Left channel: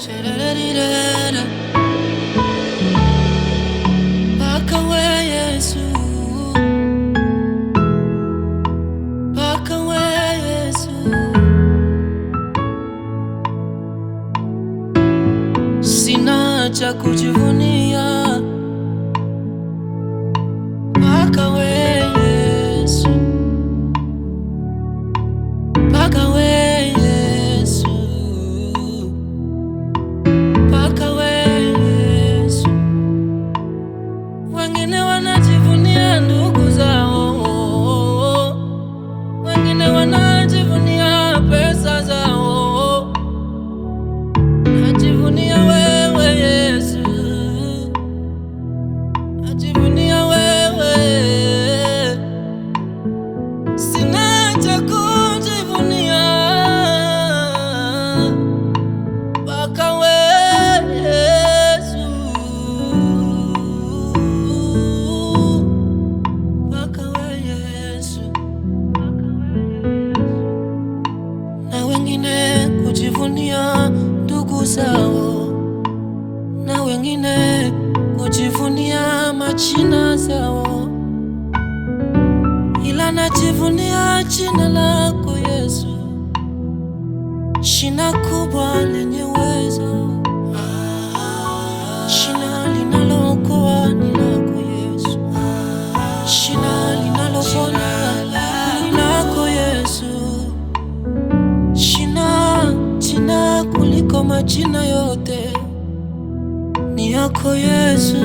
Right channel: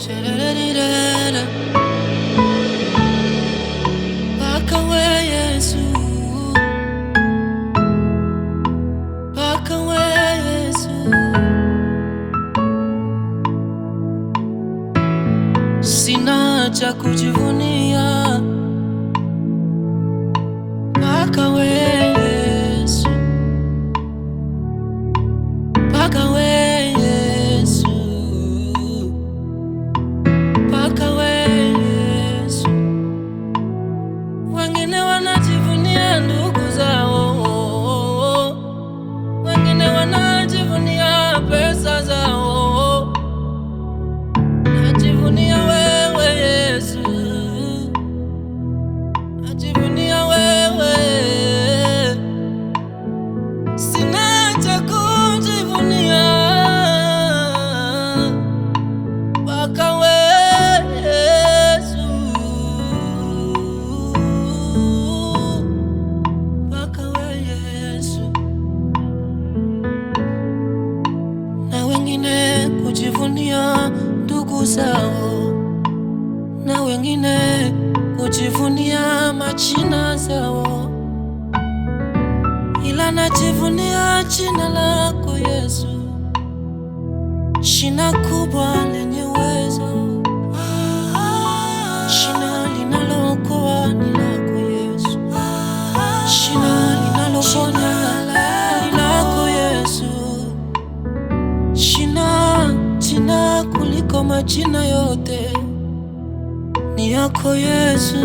Sha-da-da-dee-da-da. Paka we Yesu, paka we Yesu. Sina cha kujivunia, paka we Yesu, paka we Yesu, paka we Yesu. Wengine wanajivunia ndugu zao, wengine wanajivunia pesa zao. Najivunia wewe Yesu, najivunia wewe. Sina cha kujivunia, paka we Yesu, paka we Yesu. Na wengine kujivunia ndugu zao, na wengine kujivunia majina zao, ila najivunia jina lako Yesu, jina kubwa lenye uwezo, jina linalookoa ni lako Yesu, jina linaloponya ni lako Yesu, jina kuliko majina yote ni yako Yesu.